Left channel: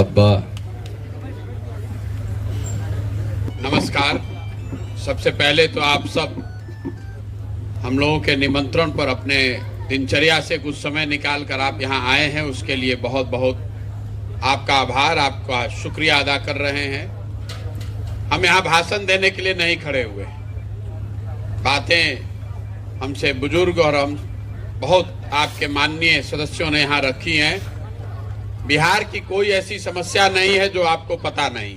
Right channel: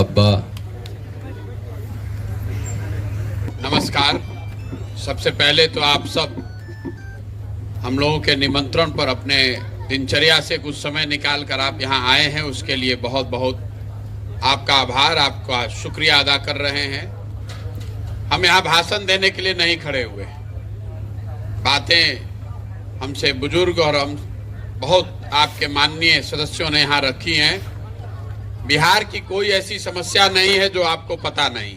अब्बा। नमस्कार। सबसे पहले तो आप सब हम लोगों के निमंत्रण पर अपने दिनचर्या से कुछ समय निकाल कर आप यहाँ आए हैं, उसके लिए बहुत बहुत आपका आभार, आपका शुक्रिया अदा कर रहे हैं। हम यहाँ भाषण देने के लिए नहीं खड़े हुए। बातें हमसे बुजुर्ग और हम बहुत आपके माननीय सदस्यों ने यहाँ रखी हैं। बिहार की कोई ऐसी समस्या नहीं है जो आपको पता नहीं।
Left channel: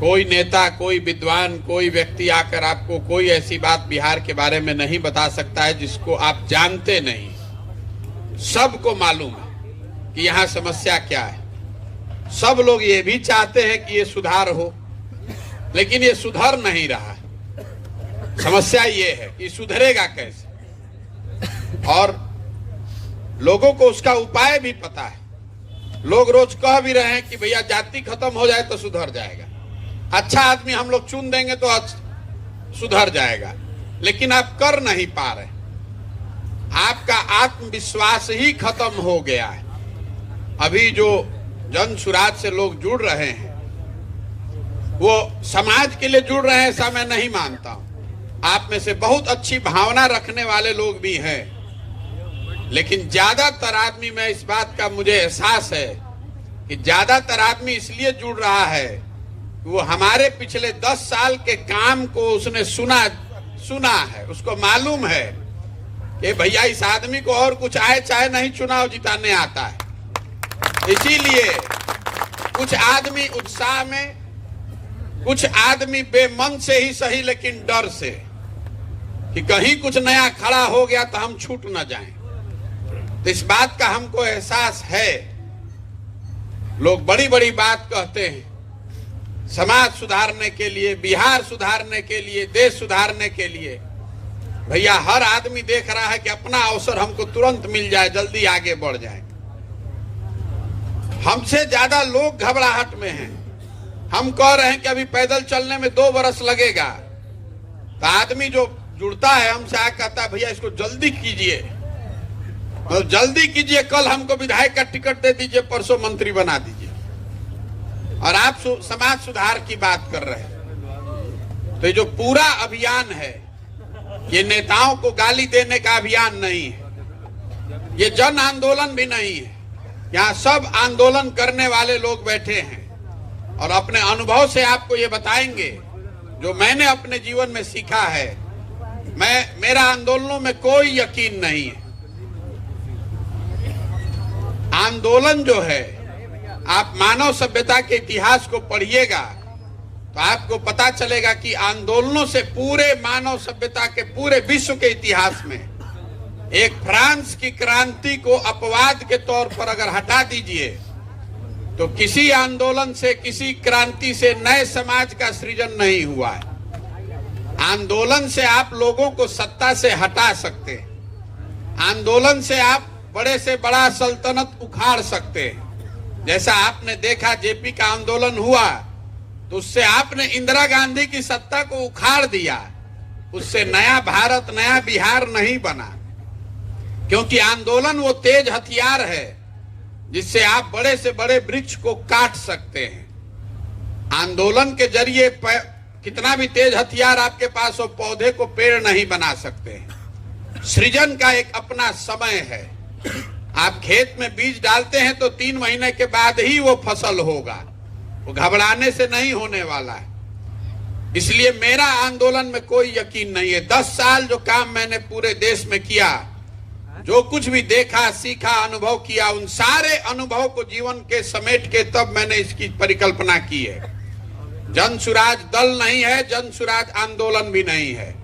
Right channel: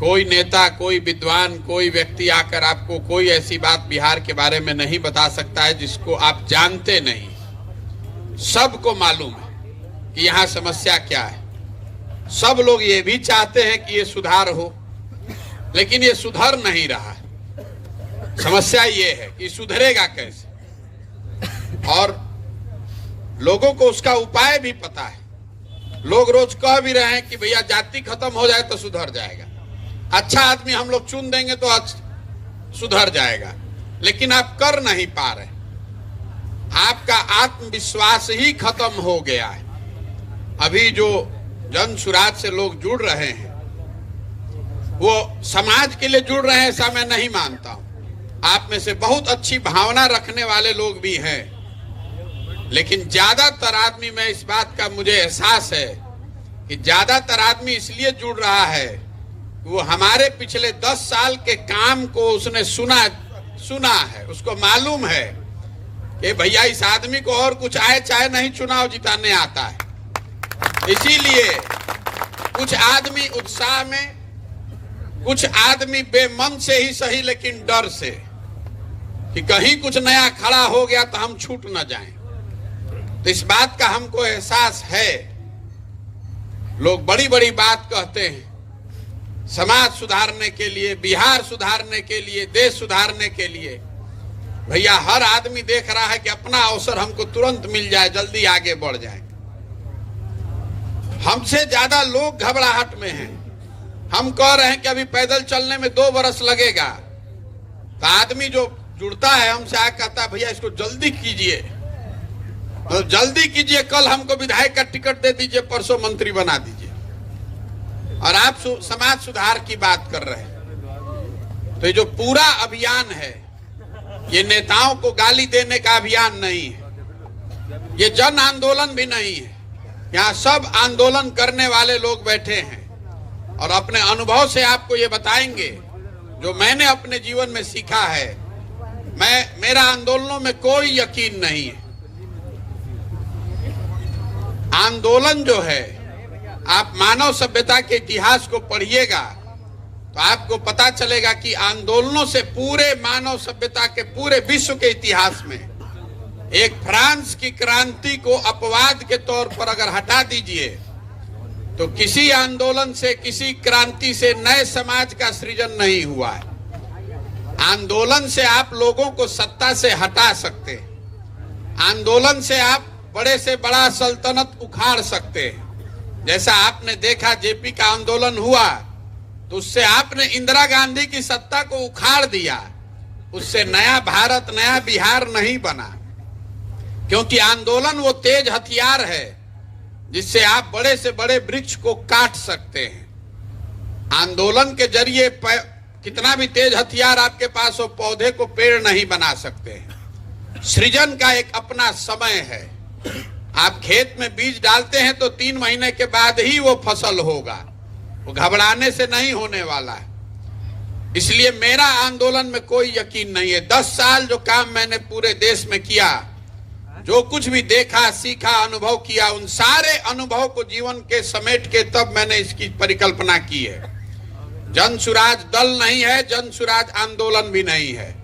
कोई नेता, कोई विद्वान, कोई व्यक्ति आकर आपको कोई ऐसी बात बिहार के बारे में नहीं बता सकता है जिसको आप जानते नहीं। सबको मालूम है कि यहाँ समस्या क्या है। सब लोग ये भी चाहते हैं कि ये सुधार हो, लेकिन ये सुधर नहीं रहा। समस्या ये है कि सुधरेगा कैसे, और लोगों को उसका उपाय भी पता है। लोग रोज कह भी रहे हैं कि भैया जाति खत्म हो जाए तो सुधर जाएगा, अच्छा आदमी हम लोग चुन देंगे तो सुधर जाएगा, लेकिन आप कर नहीं पा रहे। आपका आत्मविश्वास ही खत्म हो गया है। अभी जो जन सुराज से लोग जुड़ रहे हैं वो समाज के लिए जुड़ रहे हैं, ऐसा मैं नहीं मानता हूं। आप में से बहुत अच्छी भावना रखने वाले लोग भी हैं, लेकिन ज्यादातर आदमी में इस बात का मुझे एहसास है कि ज्यादातर आदमी इसलिए जुड़ रहा है कि वो हमारे पिछले 10 साल के काम को उसने सुना है। उसको मालूम है कि भैया इस आदमी को और कुछ आए चाहे नहीं चुनाव जिताने आता है। इसीलिए कुछ आदमी उत्साह में, कुछ आदमी बेमन से ही सही लेकिन डर से कि कहीं कुछ नया खड़ा हो गया तो हम छूट न जाएं। तो इस बात का हमको एहसास है। लोग बड़ी बड़ी बात कहते हैं समाज सुधारने के लिए, बिहार सुधारने के लिए, देश सुधारने के लिए। भैया हर आदमी देख रहा है कि अपना अवसर हमको तुरंत मिल जाए, जल्दी आगे बढ़ जाए। हमसे ज्यादा लोग घबराहट में हैं। हम कह रहे हैं कि अभी पैदल चलने में 2 बरस लगेगा, तो आदमी जो जुड़ता है हमसे आ कहता है भैया इसको जल्दी कीजिए, तो जल्दी कीजिए, कल हमको विधायक का टिकट दे दीजिए, परसों मंत्री बना दीजिए, और आप समाज सुधार की बात कर रहे हैं। तो ये जो पूरा अभियान है ये नेताओं को गाली देने का अभियान नहीं है, ये जन आंदोलन भी नहीं है। यहाँ सब आंदोलन करने वाले लोग बैठे हैं और अपने अनुभव से आपको ये बताएंगे जो मैंने अपने जीवन में सीखा है। मेरा आंदोलनों में कोई यकीन नहीं है। आंदोलन जो है, आप मानव सभ्यता के इतिहास को पढ़िएगा तो आपको पता चलेगा कि आंदोलनों से पूरे मानव सभ्यता के पूरे विश्व के इतिहास में एक फ्रांस की क्रांति को अपवाद के तौर पर अगर हटा दीजिए तो किसी आंदोलन से, किसी क्रांति से नए समाज का सृजन नहीं हुआ। आंदोलन से आप लोगों को सत्ता से हटा सकते हैं। आंदोलन से आप बड़े से बड़ा सल्तनत उखाड़ सकते हैं। जैसा आपने देखा जेपी का आंदोलन हुआ तो उससे आपने इंदिरा गांधी की सत्ता को उखाड़ दिया। उससे नया भारत, नया बिहार नहीं बना, क्योंकि आंदोलन वो तेज हथियार है जिससे आप बड़े से बड़े वृक्ष को काट सकते हैं। आंदोलन के जरिए कितना भी तेज हथियार आपके पास हो, पौधे को पेड़ नहीं बना सकते हैं। सृजन का एक अपना समय है। आप खेत में बीज डालते हैं तो 3 महीने के बाद ही वो फसल होगा, वो घबराने से नहीं होने वाला है। इसलिए मेरा आंदोलन में कोई यकीन नहीं है। 10 साल जो काम मैंने पूरे देश में किया, जो कुछ भी देखा, सीखा, अनुभव किया, उन सारे अनुभव को जीवन के समेट के तब मैंने इसकी परिकल्पना की है। जन सुराज दल नहीं है, जन सुराज आंदोलन भी नहीं है।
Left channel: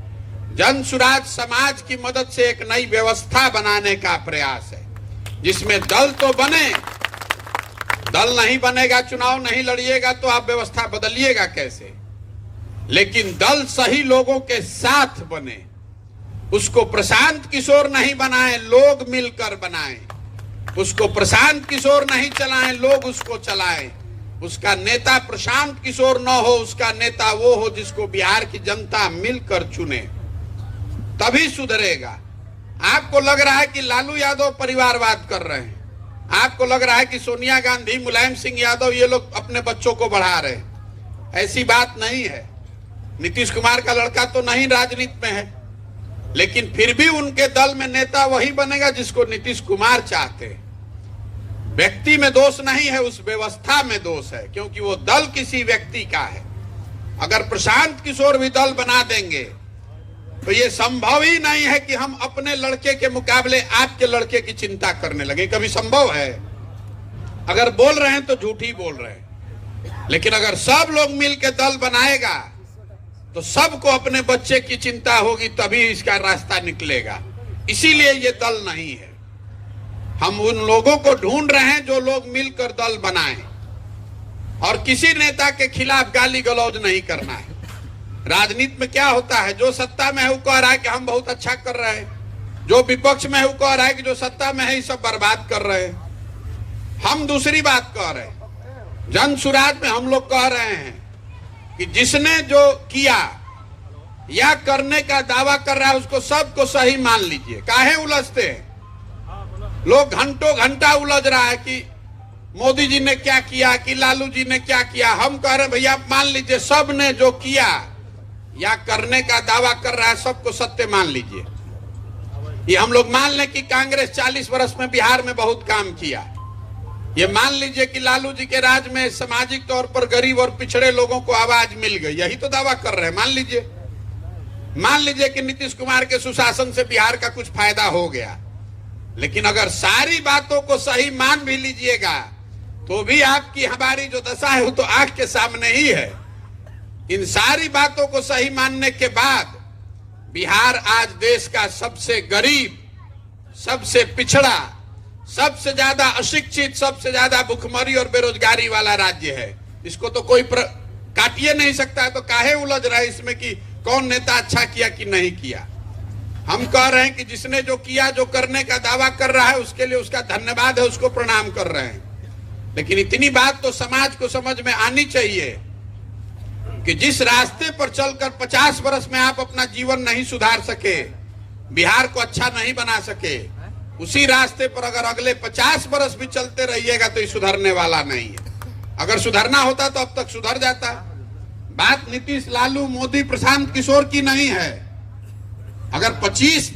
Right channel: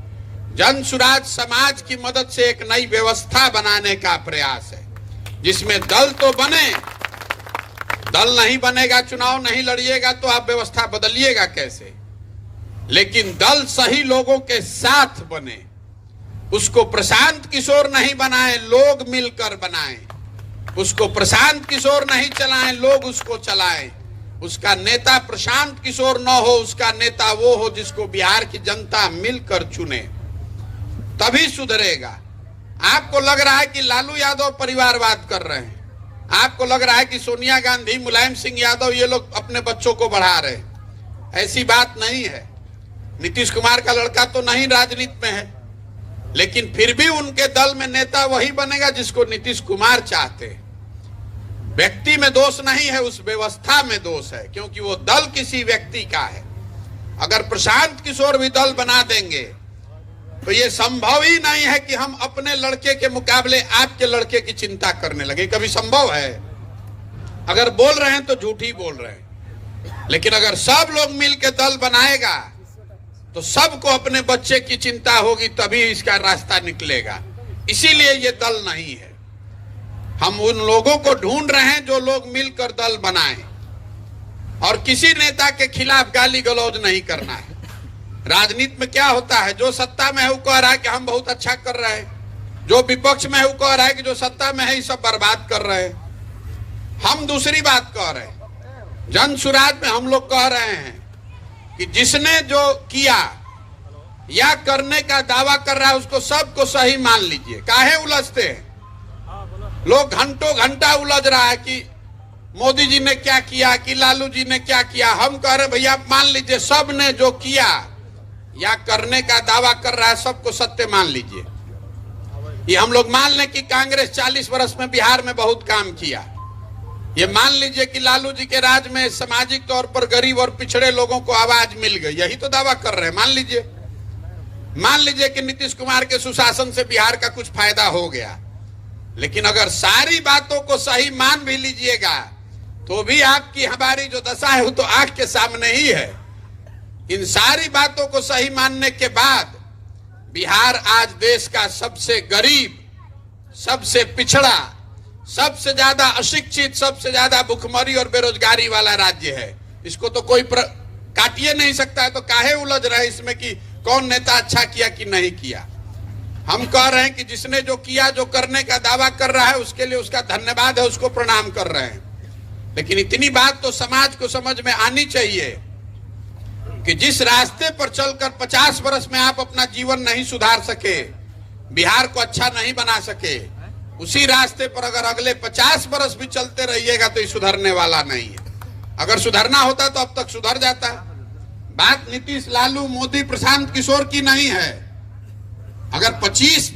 जन सुराज समाज की मदद से एक नई व्यवस्था बनाने का प्रयास है, जिसमें दल तो बने। दल नहीं बनेगा, चुनाव नहीं लड़िएगा तो आप व्यवस्था बदलिएगा कैसे? लेकिन दल सही लोगों के साथ बने। उसको प्रशांत किशोर नहीं बनाएं, लोग मिलकर बनाएं। उसको प्रशांत किशोर नहीं चलाएं, लोग उसको चलाएं। उसका नेता प्रशांत किशोर न हो, उसका नेता वो हो जिसको बिहार की जनता मिलकर चुने, तभी सुधरेगा। आपको लग रहा है कि लालू यादव परिवारवाद कर रहे हैं, आपको लग रहा है कि सोनिया गांधी, मुलायम सिंह यादव ये लोग अपने बच्चों को बढ़ा रहे हैं। ऐसी बात नहीं है। नीतीश कुमार का लड़का तो नहीं राजनीति में है, लेकिन फिर भी उनके दल में नेता वही बनेगा जिसको नीतीश कुमार चाहते हैं। व्यक्ति में दोष नहीं है, उस व्यवस्था में दोष है, क्योंकि वो दल किसी व्यक्ति का है। अगर प्रशांत किशोर भी दल बना देंगे तो ये संभव ही नहीं है कि हम अपने लड़के के मुकाबले आपके लड़के की चिंता करने लगे। कभी संभव है? अगर बोल रहे हैं तो झूठ ही बोल रहे हैं। लेकिन अगर सब लोग मिलकर दल बनाएगा तो सबको अपने बच्चे की चिंता होगी, तभी इसका रास्ता निकलेगा। इसीलिए ये दल नहीं है। हम उन लोगों को ढूंढ रहे हैं जो लोग मिलकर दल बनाएं, और किसी नेता के खिलाफ गाली गलौज नहीं करना है। राजनीति में क्या होता है, जो सत्ता में है वो कह रहा है कि हम बहुत अच्छा कर रहे हैं, जो विपक्ष में है वो कह रहा है कि जो सत्ता में है ये सब बर्बाद कर रहे हैं। हम दूसरी बात कह रहे हैं, जन सुराज में हम लोग कह रहे हैं कि जिसने जो किया या करने का दावा कर रहा है उसको सबको सही मान लीजिए। काहे उलझते हैं लोग? घंटों घंटा उलझ रहा है कि मोदी जी ने क्या किया, कि लालू जी ने क्या किया। हम कह रहे भैया आप मान लीजिए, सब ने जो किया या करने का दावा कर रहा है सबको सत्य मान लीजिए। ये हम लोग मान लें कि कांग्रेस 40 वर्ष में बिहार में बहुत काम किया। ये मान लीजिए कि लालू जी के राज में सामाजिक तौर पर गरीब और पिछड़े लोगों को आवाज मिल गई, यही तो दावा कर रहे हैं। मान लीजिए कि नीतीश कुमार के सुशासन से बिहार का कुछ फायदा हो गया। लेकिन अगर सारी बातों को सही मान भी लीजिएगा तो भी आपकी हमारी जो दशा है वो तो आंख के सामने ही है। इन सारी बातों को सही मानने के बाद बिहार आज देश का सबसे गरीब, सबसे पिछड़ा, सबसे ज्यादा अशिक्षित, सबसे ज्यादा भुखमरी और बेरोजगारी वाला राज्य है। इसको तो कोई काटिए नहीं सकता है। तो काहे उलझ रहे इसमें कि कौन नेता अच्छा किया कि नहीं किया? हम कह रहे हैं कि जिसने जो किया, जो करने का दावा कर रहा है, उसके लिए उसका धन्यवाद है, उसको प्रणाम कर रहे हैं। लेकिन इतनी बात तो समाज को समझ में आनी चाहिए कि जिस रास्ते पर चलकर 50 वर्ष में आप अपना जीवन नहीं सुधार सके, बिहार को अच्छा नहीं बना सके, उसी रास्ते पर अगर अगले 50 वर्ष भी चलते रहिएगा तो ये सुधरने वाला नहीं है। अगर सुधरना होता तो अब तक सुधर जाता है। बात नीतीश, लालू, मोदी, प्रशांत किशोर की नहीं है। अगर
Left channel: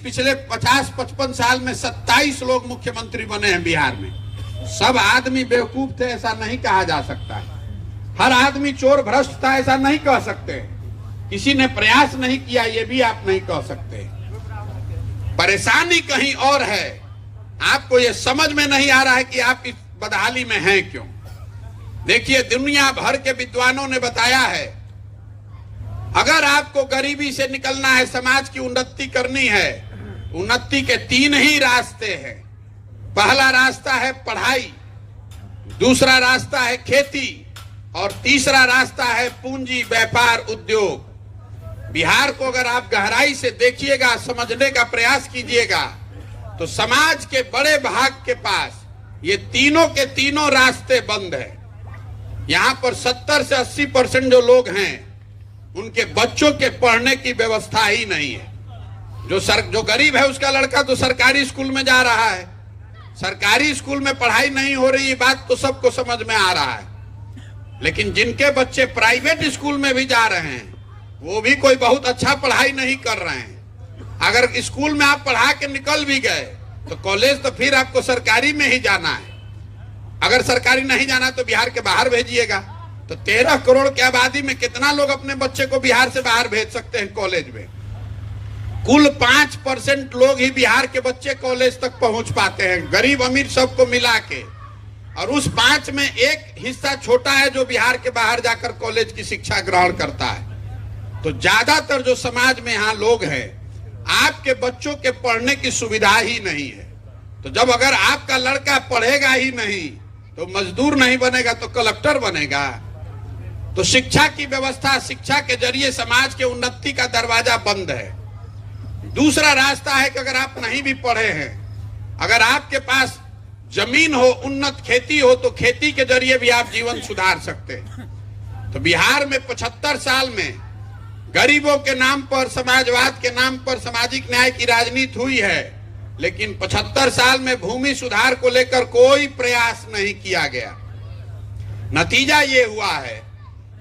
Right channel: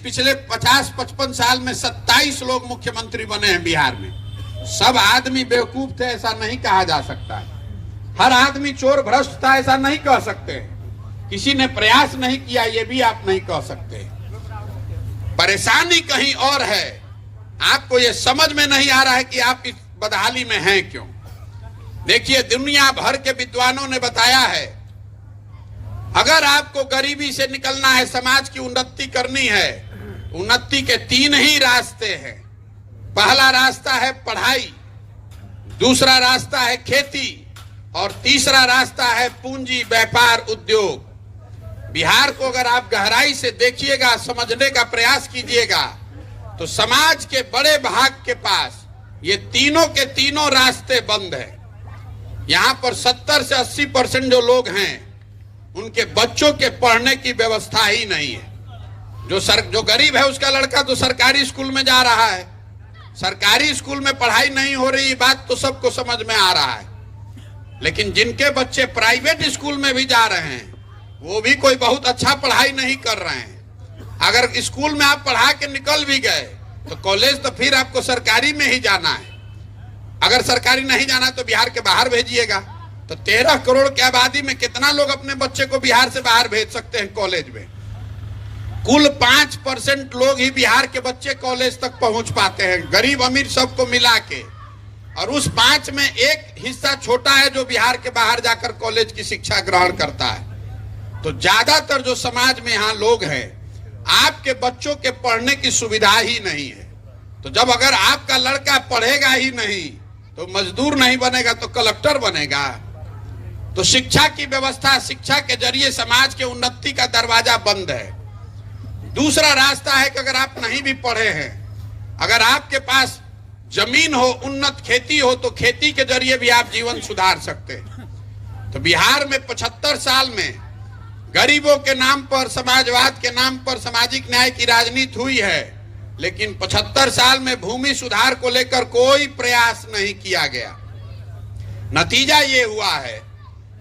पिछले 50-55 साल में 27 लोग मुख्यमंत्री बने हैं बिहार में, सब आदमी बेवकूफ थे ऐसा नहीं कहा जा सकता। हर आदमी चोर भ्रष्ट था ऐसा नहीं कह सकते। किसी ने प्रयास नहीं किया ये भी आप नहीं कह सकते। परेशानी कहीं और है। आपको ये समझ में नहीं आ रहा है कि आप इस बदहाली में हैं क्यों। देखिए, दुनिया भर के विद्वानों ने बताया है, अगर आपको गरीबी से निकलना है, समाज की उन्नति करनी है, उन्नति के 3 ही रास्ते हैं। पहला रास्ता है पढ़ाई, दूसरा रास्ता है खेती, और तीसरा रास्ता है पूंजी, व्यापार, उद्योग। बिहार को अगर आप गहराई से देखिएगा, समझने का प्रयास कीजिएगा, तो समाज के बड़े भाग के पास ये तीनों के तीनों रास्ते बंद हैं। यहाँ पर 70 से 80% जो लोग हैं उनके बच्चों के पढ़ने की व्यवस्था ही नहीं है। जो गरीब है उसका लड़का तो सरकारी स्कूल में जा रहा है, सरकारी स्कूल में पढ़ाई नहीं हो रही, बात तो सबको समझ में आ रहा है। लेकिन जिनके बच्चे प्राइवेट स्कूल में भी जा रहे हैं वो भी कोई बहुत अच्छा पढ़ाई नहीं कर रहे हैं। अगर स्कूल में आप पढ़ा के निकल भी गए तो कॉलेज तो फिर आपको सरकारी में ही जाना है। अगर सरकारी नहीं जाना तो बिहार के बाहर भेजिएगा। तो 13 करोड़ की आबादी में कितना लोग अपने बच्चे को बिहार से बाहर भेज सकते हैं कॉलेज में? कुल 5% लोग ही बिहार के बच्चे कॉलेज तक पहुंच पाते हैं, गरीब अमीर सबको मिला के। और उस 5 में एक हिस्सा छोटा है जो बिहार के बाहर जाकर कॉलेज की शिक्षा ग्रहण करता है। तो ज्यादातर जो समाज में यहाँ लोग हैं, आपके बच्चों के पढ़ने की सुविधा ही नहीं है। तो जब अगर आपका लड़का पढ़ेगा ही नहीं तो मजदूर नहीं बनेगा तो कलेक्टर बनेगा। तो शिक्षा की व्यवस्था, शिक्षा के जरिए समाज के उन्नति का दरवाजा बंद है। दूसरा रास्ता है कि अगर आप नहीं भी पढ़े हैं, अगर आपके पास जमीन हो, उन्नत खेती हो, तो खेती के जरिए भी आप जीवन सुधार सकते हैं। तो बिहार में 75 साल में गरीबों के नाम पर, समाजवाद के नाम पर सामाजिक न्याय की राजनीति हुई है। लेकिन 75 साल में भूमि सुधार को लेकर कोई प्रयास नहीं किया गया। नतीजा ये हुआ है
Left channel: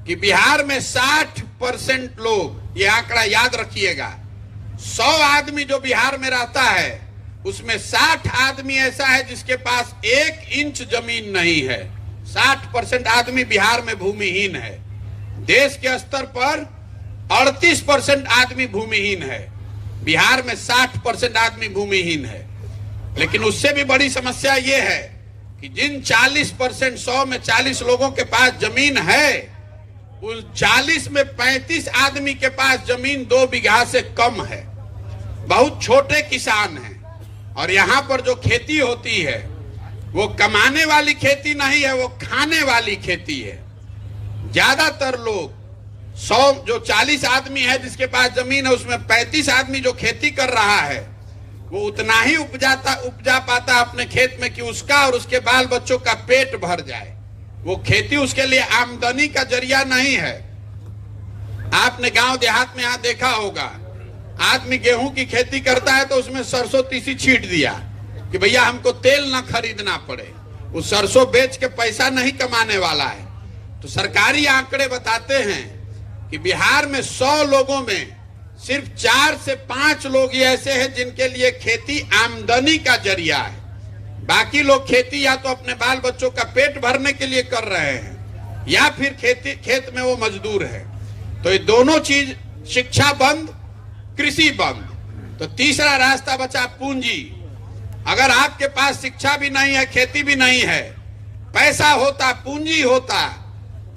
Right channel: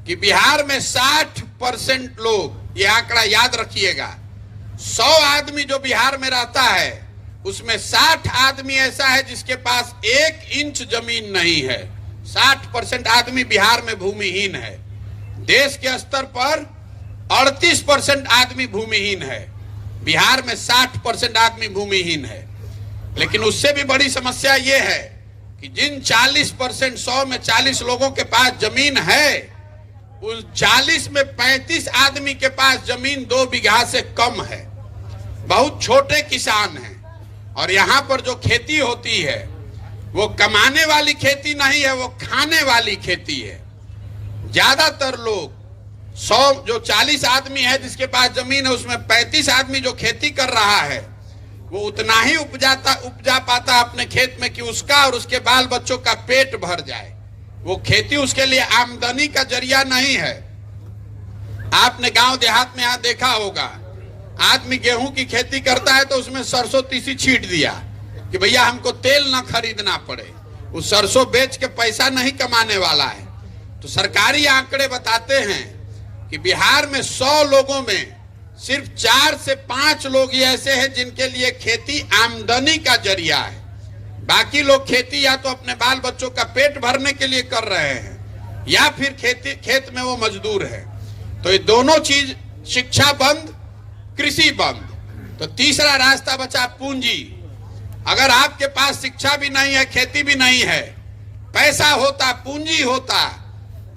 कि बिहार में 60% लोग, ये आंकड़ा याद रखिएगा, 100 आदमी जो बिहार में रहता है उसमें 60 आदमी ऐसा है जिसके पास 1 इंच जमीन नहीं है। 60% आदमी बिहार में भूमिहीन है। देश के स्तर पर 38% आदमी भूमिहीन है, बिहार में 60% आदमी भूमिहीन है। लेकिन उससे भी बड़ी समस्या ये है कि जिन 40%, 100 में 40 लोगों के पास जमीन है, उस 40 में 35 आदमी के पास जमीन 2 बीघा से कम है। बहुत छोटे किसान हैं। और यहाँ पर जो खेती होती है वो कमाने वाली खेती नहीं है, वो खाने वाली खेती है। ज्यादातर लोग 100 जो 40 आदमी है जिसके पास जमीन है, उसमें 35 आदमी जो खेती कर रहा है वो उतना ही उपजा पाता अपने खेत में कि उसका और उसके बाल बच्चों का पेट भर जाए। वो खेती उसके लिए आमदनी का जरिया नहीं है। आपने गांव देहात में यहाँ देखा होगा, आदमी गेहूं की खेती करता है तो उसमें सरसों तीसी छींट दिया कि भैया हमको तेल ना खरीदना पड़े। वो सरसों बेच के पैसा नहीं कमाने वाला है। तो सरकारी आंकड़े बताते हैं कि बिहार में 100 लोगों में सिर्फ 4 से 5 लोग ही ऐसे हैं जिनके लिए खेती आमदनी का जरिया है। बाकी लोग खेती या तो अपने बाल बच्चों का पेट भरने के लिए कर रहे हैं या फिर खेत में वो मजदूर है। तो ये दोनों चीज, शिक्षा बंद, कृषि बंद। तो तीसरा रास्ता बचा पूंजी। अगर आपके पास शिक्षा भी नहीं है, खेती भी नहीं है, पैसा होता, पूंजी होता,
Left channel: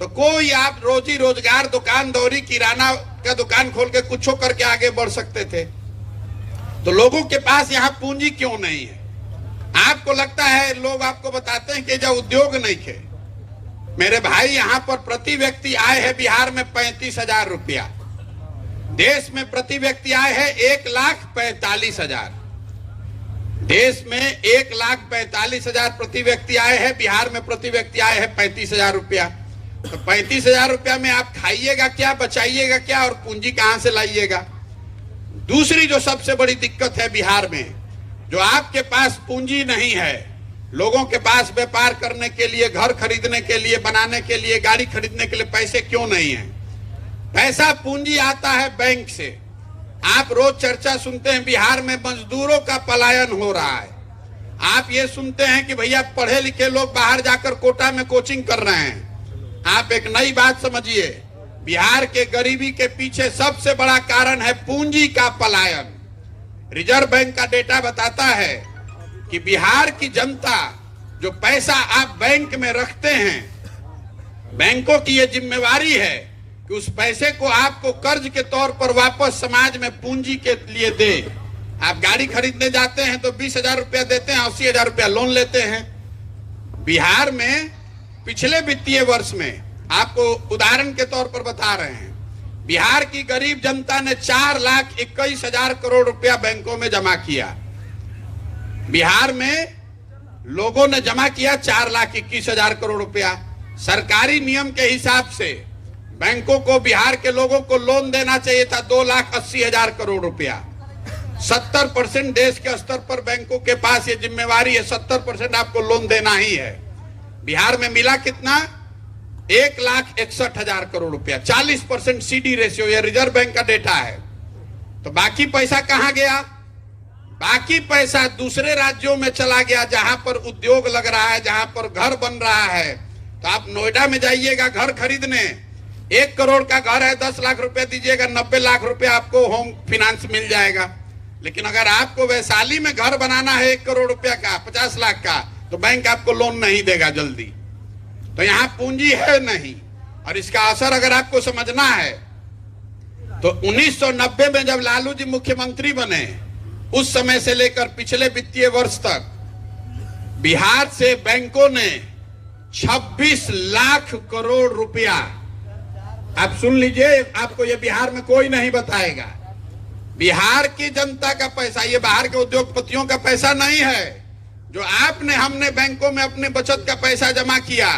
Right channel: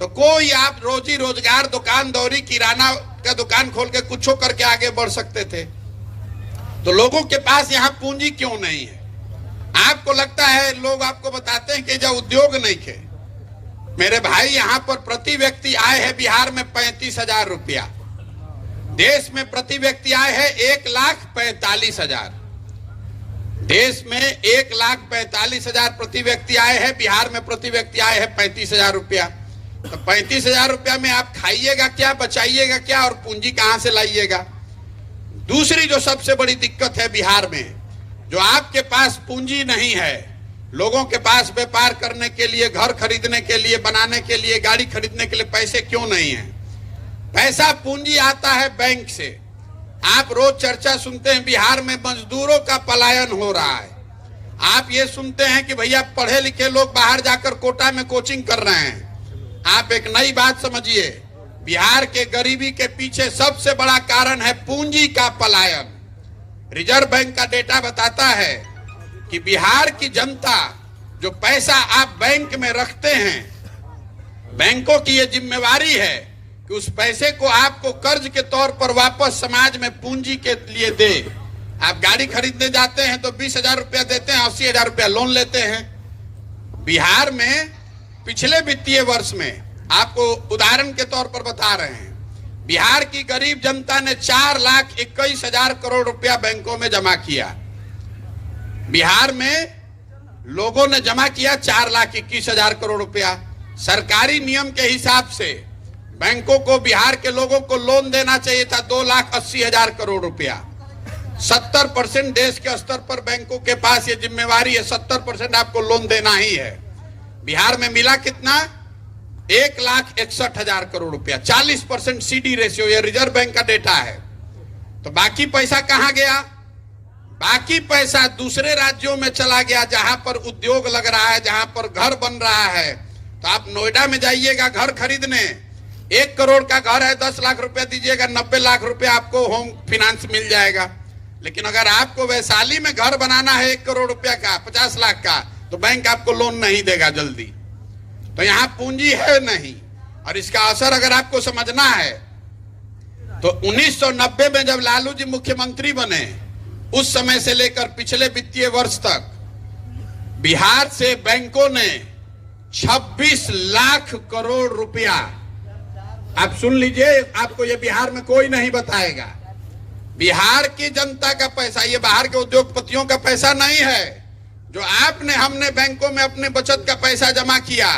तो कोई आप रोजी रोजगार, दुकान दौरी, किराना का दुकान खोल के कुछ करके आगे बढ़ सकते थे। तो लोगों के पास यहाँ पूंजी क्यों नहीं है? आपको लगता है, लोग आपको बताते हैं कि जब उद्योग नहीं थे। मेरे भाई, यहाँ पर प्रति व्यक्ति आय है बिहार में 35,000 रुपया। देश में प्रति व्यक्ति आय है 1,45,000। देश में 1,45,000 प्रति व्यक्ति आय है, बिहार में प्रति व्यक्ति आय है 35,000 रुपया। तो 35,000 रुपया में आप खाइएगा क्या, बचाइएगा क्या और पूंजी कहां से लाइएगा? दूसरी जो सबसे बड़ी दिक्कत है बिहार में, जो आपके पास पूंजी नहीं है, लोगों के पास व्यापार करने के लिए, घर खरीदने के लिए, बनाने के लिए, गाड़ी खरीदने के लिए पैसे क्यों नहीं है? पैसा, पूंजी आता है बैंक से। आप रोज चर्चा सुनते हैं बिहार में मजदूरों का पलायन हो रहा है। आप ये सुनते हैं कि भैया पढ़े लिखे लोग बाहर जाकर कोटा में कोचिंग कर रहे हैं। आप एक नई बात समझिए, बिहार के गरीबी के पीछे सबसे बड़ा कारण है पूंजी का पलायन। रिजर्व बैंक का डेटा बताता है कि बिहार की जनता, जो पैसा आप बैंक में रखते हैं, बैंकों की यह जिम्मेवारी है कि उस पैसे को आपको कर्ज के तौर पर वापस समाज में पूंजी के लिए दे। आप गाड़ी खरीदने जाते हैं तो 20,000 रुपया देते हैं, 80,000 रुपया लोन लेते हैं। बिहार में पिछले वित्तीय वर्ष में, आपको उदाहरण के तौर पर बता रहे हैं, बिहार की गरीब जनता ने 4,21,000 करोड़ रुपया बैंकों में जमा किया। बिहार में लोगों ने जमा किया 4,21,000 करोड़ रुपया। सरकारी नियम के हिसाब से बैंकों को बिहार के लोगों को लोन देना चाहिए था 2,80,000 करोड़ रुपया। 70% देश के स्तर पर बैंकों के पास ये जिम्मेवारी है, 70% आपको लोन देना ही है। बिहार में मिला कितना? 1,61,000 करोड़ रुपया, 40% सीडी रेशियो। ये रिजर्व बैंक का डेटा है। तो बाकी पैसा कहां गया? बाकी पैसा दूसरे राज्यों में चला गया, जहां पर उद्योग लग रहा है, जहां पर घर बन रहा है। तो आप नोएडा में जाइएगा घर खरीदने, 1 करोड़ का घर है, 10 लाख रुपया दीजिएगा, 90 लाख रुपया आपको होम फाइनेंस मिल जाएगा। लेकिन अगर आपको वैशाली में घर बनाना है 1 करोड़ रुपया का, 50 लाख का, तो बैंक आपको लोन नहीं देगा जल्दी। तो यहाँ पूंजी है नहीं। और इसका असर अगर आपको समझना है तो 1990 में जब लालू जी मुख्यमंत्री बने, उस समय से लेकर पिछले वित्तीय वर्ष तक बिहार से बैंकों ने 26 लाख करोड़ रुपया, आप सुन लीजिए, आपको ये बिहार में कोई नहीं बताएगा, बिहार की जनता का पैसा, ये बाहर के उद्योगपतियों का पैसा नहीं है, जो आपने हमने बैंकों में अपने बचत का पैसा जमा किया,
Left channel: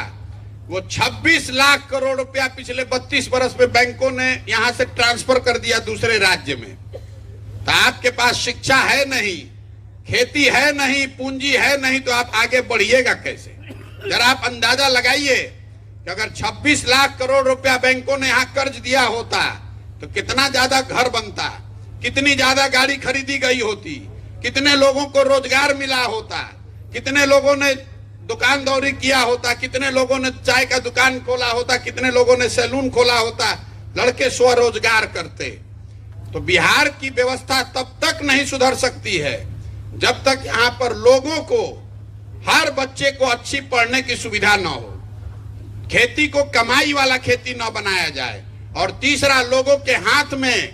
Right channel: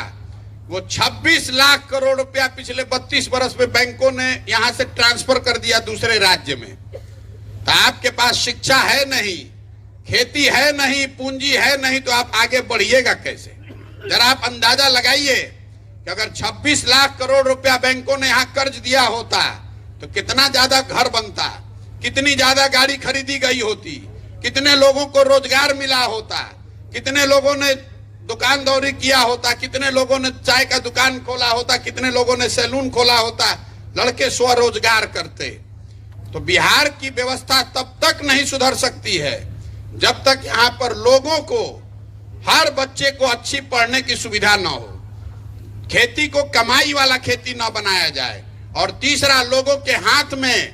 वो 26 लाख करोड़ रुपया पिछले 32 बरस में बैंकों ने यहां से ट्रांसफर कर दिया दूसरे राज्य में। तो आपके पास शिक्षा है नहीं, खेती है नहीं, पूंजी है नहीं, तो आप आगे बढ़िएगा कैसे? जरा आप अंदाजा लगाइए कि अगर 26 लाख करोड़ रुपया बैंकों ने यहाँ कर्ज दिया होता तो कितना ज्यादा घर बनता, कितनी ज्यादा गाड़ी खरीदी गई होती, कितने लोगों को रोजगार मिला होता, कितने लोगों ने दुकान दौरी किया होता, कितने लोगों ने चाय का दुकान खोला होता, कितने लोगों ने सैलून खोला होता, लड़के स्वरोजगार करते। तो बिहार की व्यवस्था तब तक नहीं सुधर सकती है जब तक यहाँ पर लोगों को, हर बच्चे को अच्छी पढ़ने की सुविधा न हो, खेती को कमाई वाला खेती न बनाया जाए, और तीसरा लोगों के हाथ में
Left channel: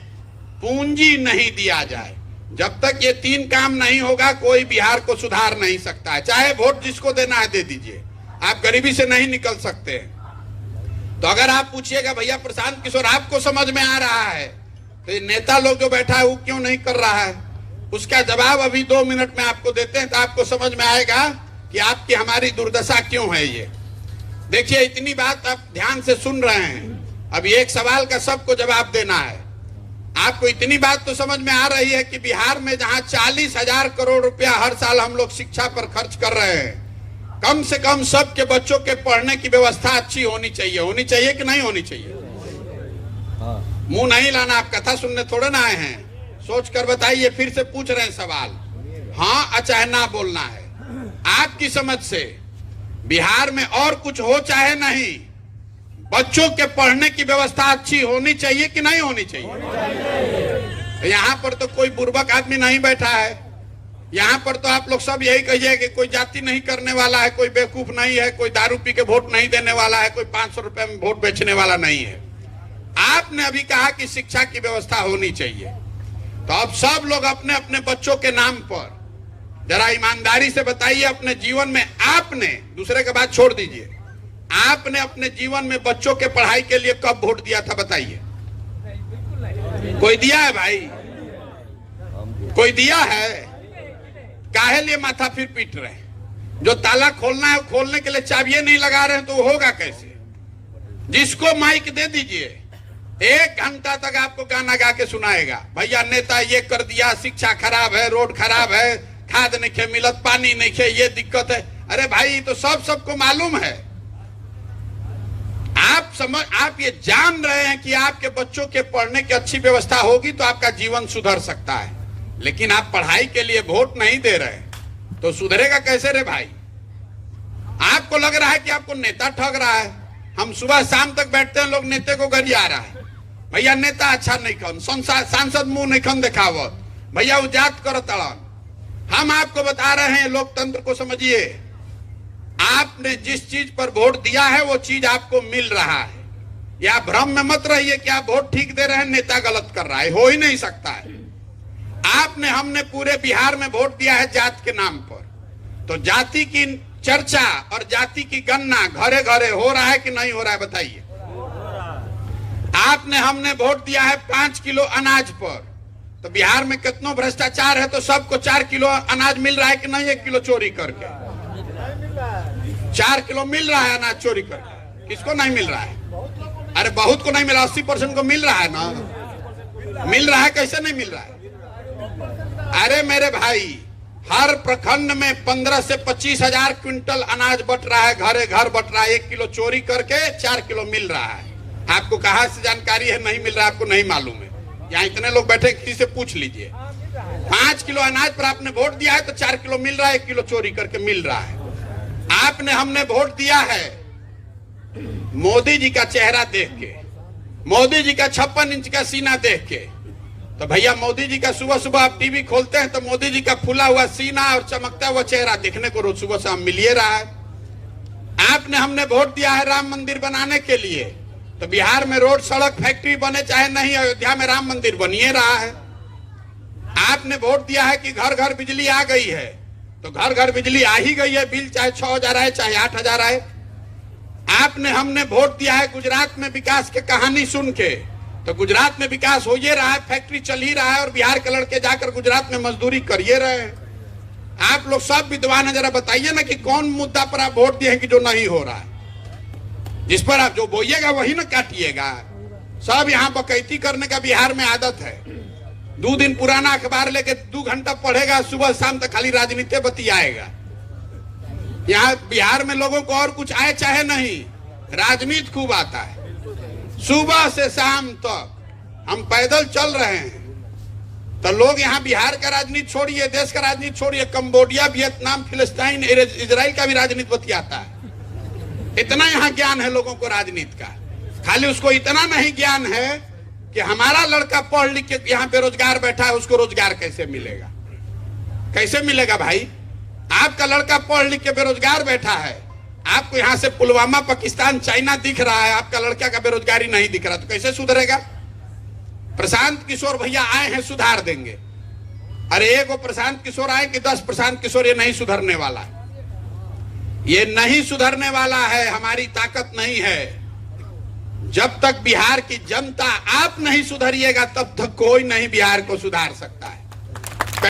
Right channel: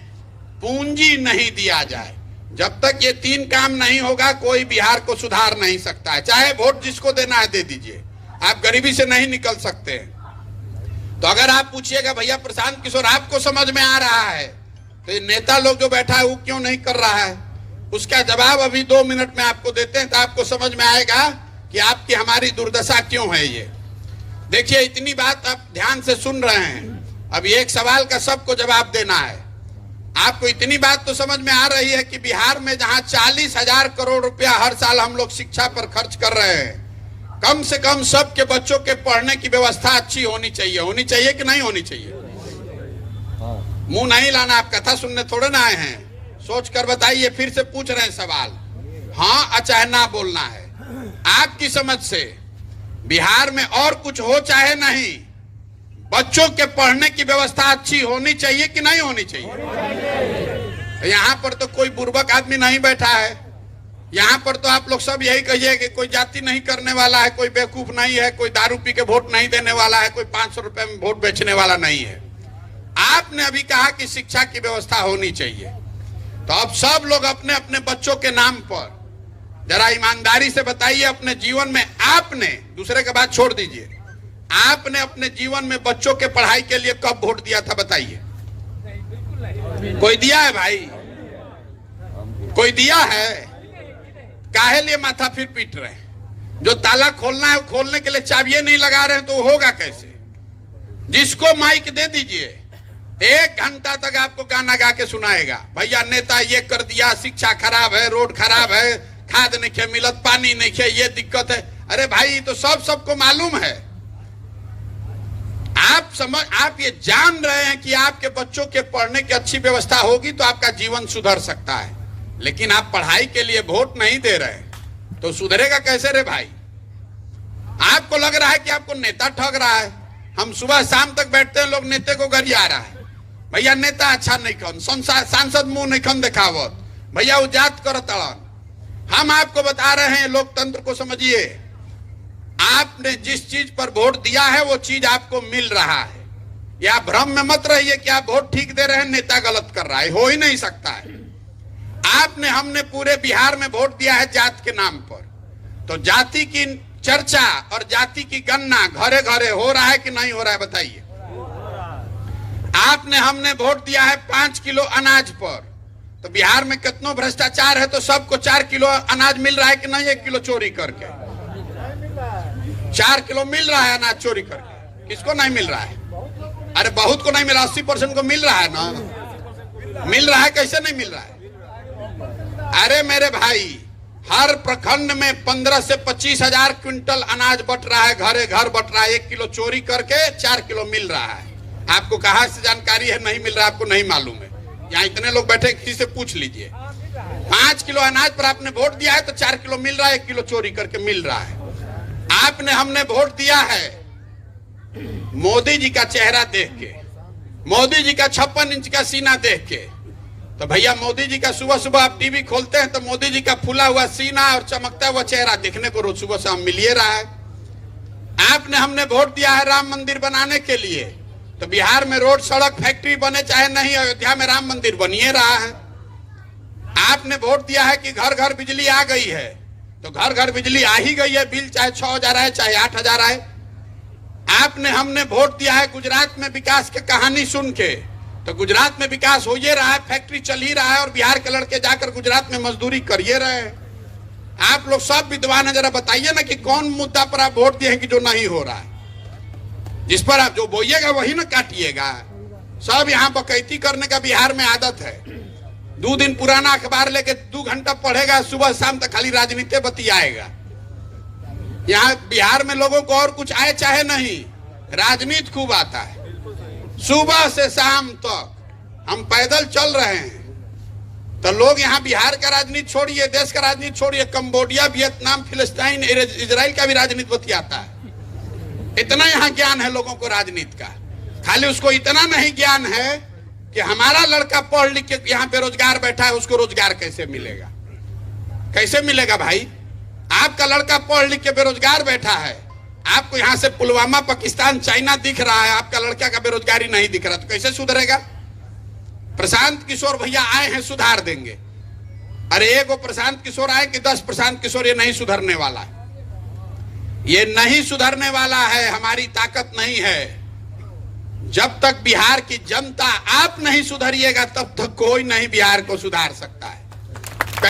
पूंजी नहीं दिया जाए। जब तक ये 3 काम नहीं होगा कोई बिहार को सुधार नहीं सकता है। चाहे वोट जिसको देना है दे दीजिए, आप गरीबी से नहीं निकल सकते। तो अगर आप पूछिएगा भैया प्रशांत किशोर आपको समझ में आ रहा है तो ये नेता लोग जो बैठा है वो क्यों नहीं कर रहा है, उसका जवाब अभी 2 मिनट में आपको देते हैं, तो आपको समझ में आएगा कि आपकी हमारी दुर्दशा क्यों है। ये देखिए, इतनी बात आप ध्यान से सुन रहे हैं, अब एक सवाल का सबको जवाब देना है। आपको इतनी बात तो समझ में आ रही है कि बिहार में जहां 40,000 करोड़ रुपया हर साल हम लोग शिक्षा पर खर्च कर रहे हैं, कम से कम सबके बच्चों के पढ़ने की व्यवस्था अच्छी होनी चाहिए कि नहीं होनी चाहिए? मुंह नहीं लाना, आप कथा सुनने थोड़े ना आए हैं, सोच कर बताइए। फिर से पूछ रहे हैं सवाल, हाँ चाहे ना बोलना है। आपकी समझ से बिहार में और कुछ हो चाहे नहीं, बच्चों के पढ़ने की व्यवस्था अच्छी होनी चाहिए कि नहीं होनी चाहिए? यहाँ पर तो कोई बुर्बक आदमी नहीं बैठा है, यहाँ पर तो आप लोग सब यही कहिए कि कोई जाति नहीं करने वाला है, कोई बेवकूफ नहीं है, कोई दारू पी के वोट नहीं देने वाला है, कोई 500 रुपए में वोट बेचने वाला नहीं है। आपने अभी कहा कि शिक्षा की व्यवस्था होनी चाहिए, तो अब सब लोग अपने अपने बच्चों के नाम पर जरा ईमानदारी से बताइए, अपने जीवन में आपने, दूसरे के बात छोड़ दीजिए, आपने अपने जीवन में बच्चों के पढ़ाई के लिए कब वोट दिया था बताइए? कोई दिया है भाई? कोई दिया है? काहे लिए माथा फिर पीट रहे हैं? जो ताला खोलना है खोलने के लिए चाबियां नहीं लगा रहे हैं तो होगा कैसे? जिसको माइक दे दीजिए, 1 घंटा तक आपको गाना गा के सुनाएगा, भैया नेता ये कर दिया, शिक्षा खराब है, रोड खराब है, खाद नहीं खे मिलत, पानी नहीं खे, ये दिक्कत है। अरे भाई तो सबको मालूम है। आप ये जान रहे हैं कि आपके बच्चों के पढ़ने की अच्छी व्यवस्था होगी तो आपका जीवन सुधर सकता है, लेकिन आप पढ़ाई के लिए वोट नहीं दे रहे तो सुधरेगा कैसे रे भाई? आपको लग रहा है कि आपको नेता ठग रहा है। हम सुबह शाम तक बैठते हैं, लोग नेता को गरिया रहा है, भैया नेता अच्छा नहीं कौन, सांसद मुंह नहीं कौन दिखावत, भैया वो जात कर तड़न। हम आपको बता रहे हैं, लोकतंत्र को समझिए। आपने जिस चीज पर वोट दिया है वो चीज आपको मिल रहा है, या भ्रम में मत रहिए कि आप वोट ठीक दे रहे हैं, नेता गलत कर रहा है, हो ही नहीं सकता है। हमने पूरे बिहार में वोट दिया है जात के नाम पर, तो जाति की चर्चा और जाति की गणना घरे घरे हो रहा है कि नहीं हो रहा है बताइए? हमने वोट दिया है 5 किलो अनाज पर, तो बिहार में कितना भ्रष्टाचार है, तो सबको 4 किलो अनाज मिल रहा है कि नहीं? 1 किलो चोरी करके 4 किलो मिल रहा है अनाज चोरी करके। किसको नहीं मिल रहा है? अरे बहुत को नहीं मिला, 80% को मिल रहा है ना। मिल रहा है, कैसे नहीं मिल रहा है? अरे मेरे भाई, हर प्रखंड में 15 से 25 हजार क्विंटल अनाज बट रहा है, घरे घर बट रहा है। 1 किलो चोरी करके 4 किलो मिल रहा है। आपको कहां से जानकारी है नहीं मिल रहा? आपको नहीं मालूम है? यहाँ इतने लोग बैठे, किसी से पूछ लीजिए। 5 किलो अनाज पर आपने वोट दिया है तो 4 किलो मिल रहा है, 1 किलो चोरी करके मिल रहा है। हमने वोट दिया है मोदी जी का चेहरा देख के, मोदी जी का 56 इंच का सीना देख के। तो भैया मोदी जी का सुबह सुबह आप टीवी खोलते हैं तो मोदी जी का फूला हुआ सीना और चमकता हुआ चेहरा देखने को रोज सुबह शाम मिल रहा है। हमने वोट दिया है राम मंदिर बनाने के लिए, तो बिहार में रोड सड़क फैक्ट्री बने चाहे नहीं, अयोध्या में राम मंदिर बनिए रहा है। आपने वोट दिया है कि घर घर बिजली आ गई है, तो घर घर बिजली आ ही गई है, बिल चाहे 6,000 आए चाहे 8,000 आए। हमने वोट दिया है गुजरात में विकास की कहानी सुन के, तो गुजरात में विकास हो ही रहा है, फैक्ट्री चल ही रहा है, और बिहार के लड़के जाकर गुजरात में मजदूरी करिए रहे हैं। आप लोग सब विद्वान है, जरा बताइए ना कि कौन मुद्दा पर आप वोट दिए हैं कि जो नहीं हो रहा है? जिस पर आप जो बोइएगा वही ना काटिएगा। सब यहाँ बकैती करने का बिहार में आदत है। 2 दिन पुराना अखबार लेके 2 घंटा पढ़ेगा, सुबह शाम तक खाली राजनीति बतियाएगा। यहाँ बिहार में लोगों को और कुछ आए चाहे नहीं, राजनीति खूब आता है। सुबह से शाम तक हम पैदल चल रहे हैं तो लोग यहाँ बिहार का राजनीति छोड़िए, देश का राजनीति छोड़िए, कंबोडिया, वियतनाम, फिलिस्तीन, इजराइल का भी राजनीति बतियाता है। इतना यहाँ ज्ञान है लोगों को राजनीति का। खाली उसको इतना नहीं ज्ञान है कि हमारा लड़का पढ़ लिख के यहाँ बेरोजगार बैठा है, उसको रोजगार कैसे मिलेगा। कैसे मिलेगा भाई? आपका लड़का पढ़ लिख के बेरोजगार बैठा है, आपको यहाँ से पुलवामा, पाकिस्तान, चाइना दिख रहा है, आपका लड़का का बेरोजगारी नहीं दिख रहा, तो कैसे सुधरेगा? प्रशांत किशोर भैया आए हैं, सुधार देंगे। अरे एगो प्रशांत किशोर आए कि 10 प्रशांत किशोर, ये नहीं सुधरने वाला, ये नहीं सुधरने वाला है। हमारी ताकत नहीं है। जब तक बिहार की जनता आप नहीं सुधरिएगा तब तक कोई नहीं बिहार को सुधार सकता है।